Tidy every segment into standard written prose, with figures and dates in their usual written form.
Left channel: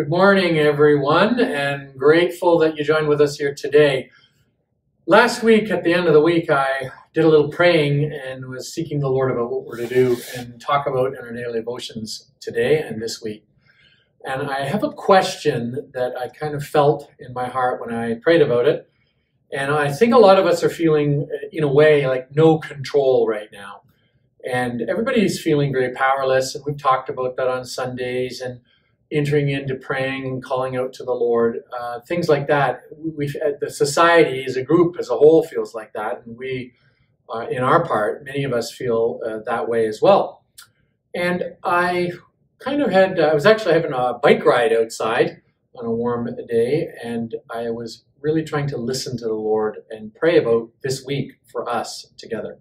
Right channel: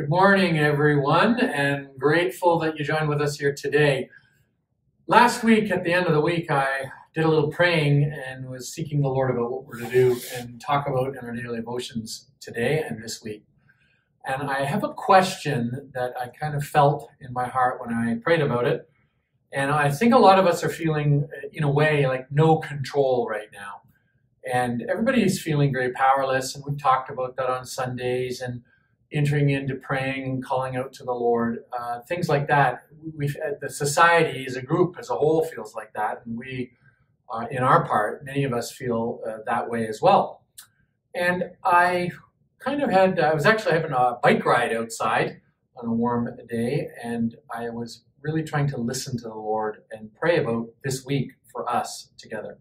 Good morning, everyone, and grateful that you joined with us here today. Last week, at the end of the week, I did a little praying and was seeking the Lord about what we're to do and talk about in our daily devotions today and this week. And I have a question that I kind of felt in my heart when I prayed about it. And I think a lot of us are feeling, in a way, like no control right now. And everybody's feeling very powerless, and we've talked about that on Sundays and entering into praying and calling out to the Lord, things like that. The society as a group, as a whole, feels like that, and we, in our part, many of us feel that way as well. And I was actually having a bike ride outside on a warm day, and I was really trying to listen to the Lord and pray about this week for us together.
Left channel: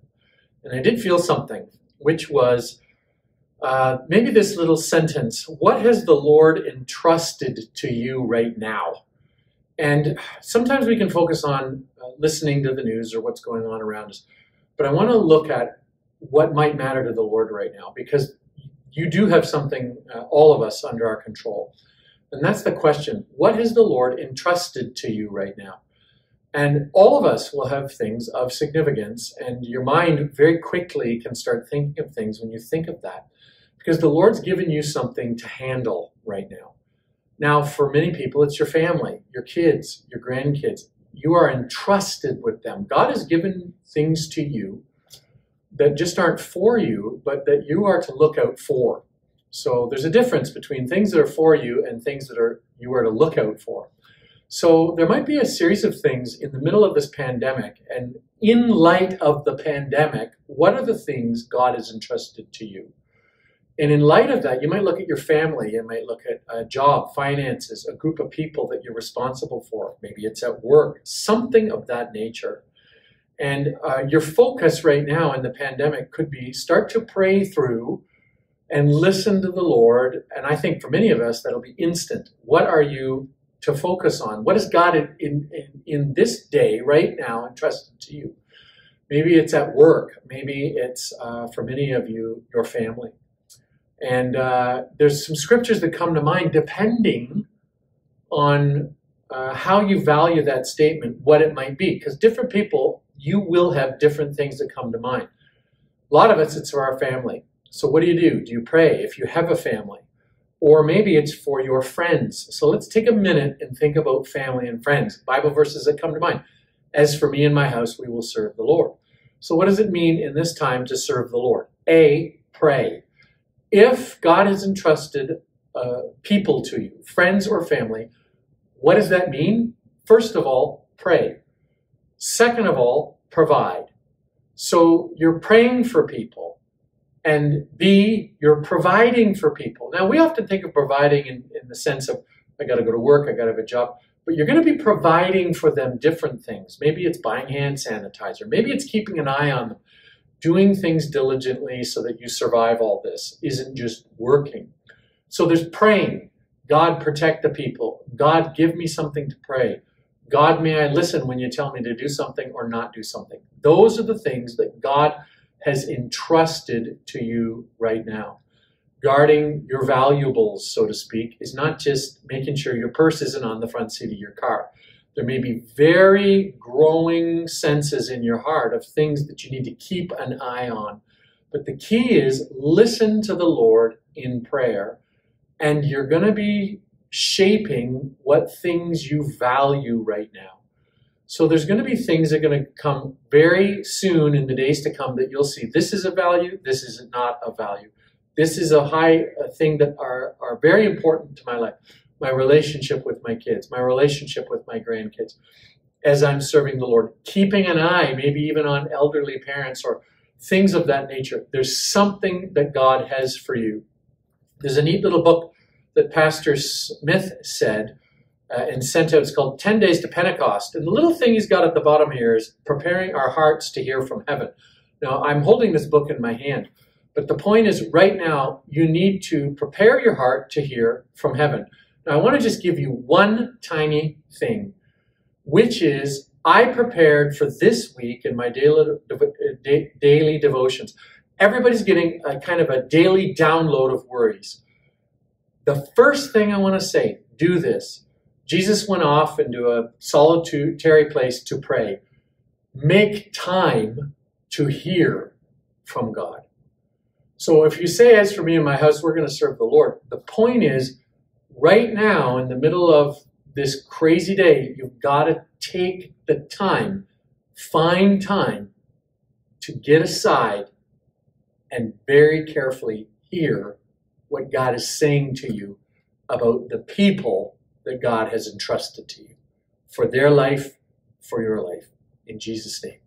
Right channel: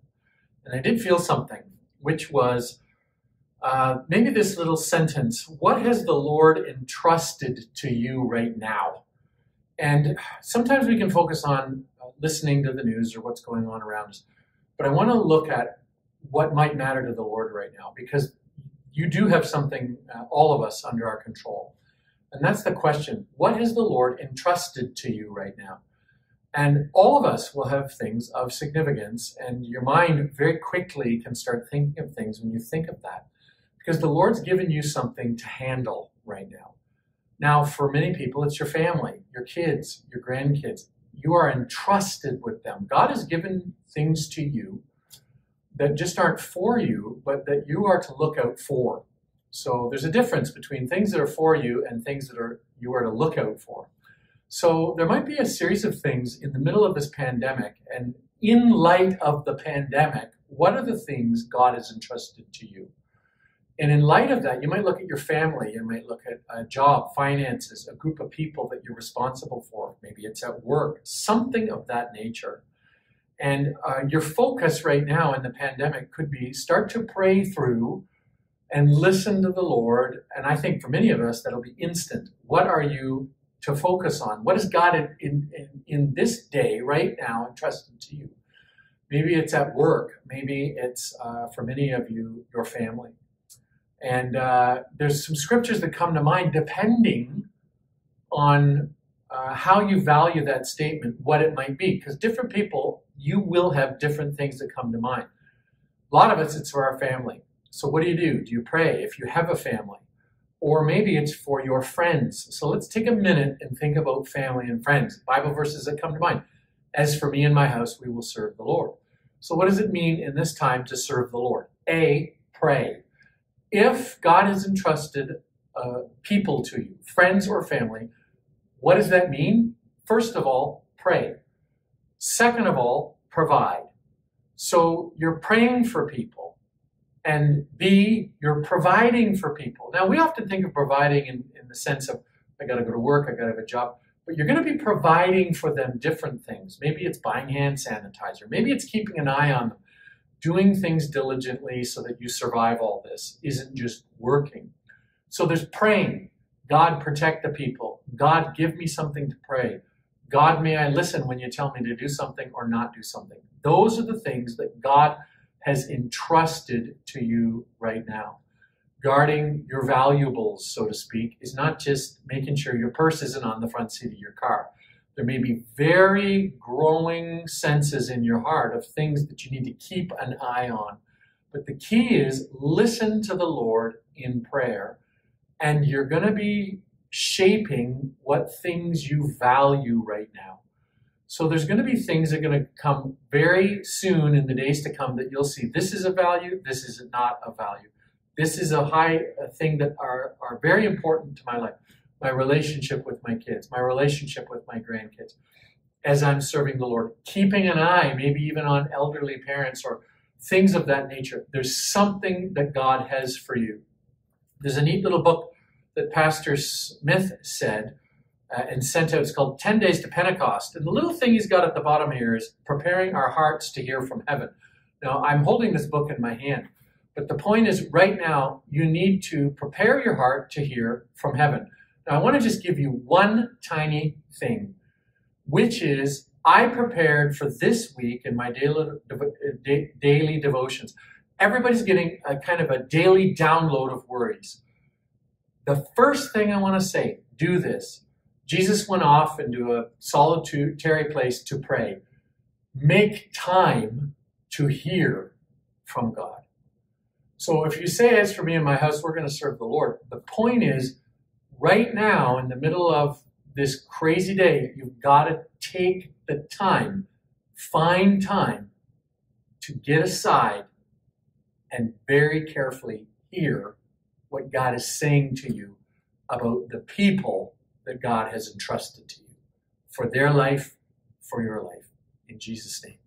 And I did feel something, which was maybe this little sentence: what has the Lord entrusted to you right now? And sometimes we can focus on listening to the news or what's going on around us. But I want to look at what might matter to the Lord right now, because you do have something, all of us, under our control. And that's the question: what has the Lord entrusted to you right now? And all of us will have things of significance, and your mind very quickly can start thinking of things when you think of that, because the Lord's given you something to handle right now. Now, for many people, it's your family, your kids, your grandkids. You are entrusted with them. God has given things to you that just aren't for you, but that you are to look out for. So there's a difference between things that are for you and things that you are to look out for. So there might be a series of things in the middle of this pandemic, and in light of the pandemic, what are the things God has entrusted to you? And in light of that, you might look at your family, you might look at a job, finances, a group of people that you're responsible for. Maybe it's at work, something of that nature. And your focus right now in the pandemic could be start to pray through and listen to the Lord. And I think for many of us, that'll be instant. What are you to focus on? What is God in this day right now entrusted to you? Maybe it's at work. Maybe it's, for many of you, your family. And there's some scriptures that come to mind depending on how you value that statement, what it might be. Because different people, you will have different things that come to mind. A lot of us, it's for our family. So what do? Do you pray if you have a family? Or maybe it's for your friends. So let's take a minute and think about family and friends. Bible verses that come to mind. As for me and my house, we will serve the Lord. So what does it mean in this time to serve the Lord? A, pray. If God has entrusted people to you, friends or family, what does that mean? First of all, pray. Second of all, provide. So you're praying for people. And B, you're providing for people. Now, we often think of providing in the sense of, I got to go to work, I got to have a job. But you're going to be providing for them different things. Maybe it's buying hand sanitizer. Maybe it's keeping an eye on them. Doing things diligently so that you survive all this isn't just working. So there's praying. God, protect the people. God, give me something to pray. God, may I listen when you tell me to do something or not do something. Those are the things that God has entrusted to you right now. Guarding your valuables, so to speak, is not just making sure your purse isn't on the front seat of your car. There may be very growing senses in your heart of things that you need to keep an eye on. But the key is listen to the Lord in prayer, and you're going to be shaping what things you value right now. So there's going to be things that are going to come very soon in the days to come that you'll see. This is a value. This is not a value. This is a thing that are very important to my life. My relationship with my kids, my relationship with my grandkids, as I'm serving the Lord. Keeping an eye, maybe even on elderly parents or things of that nature. There's something that God has for you. There's a neat little book that Pastor Smith said and sent out. It's called 10 Days to Pentecost. And the little thing he's got at the bottom here is preparing our hearts to hear from heaven. Now, I'm holding this book in my hand, but the point is right now you need to prepare your heart to hear from heaven. Now, I want to just give you one tiny thing, which is I prepared for this week in my daily devotions. Everybody's getting a kind of a daily download of worries. The first thing I want to say, do this. Jesus went off into a solitary place to pray. Make time to hear from God. So if you say, as for me and my house, we're going to serve the Lord. The point is, right now, in the middle of this crazy day, you've got to take the time, find time to get aside and very carefully hear what God is saying to you about the people that God has entrusted to you for their life, for your life. In Jesus' name.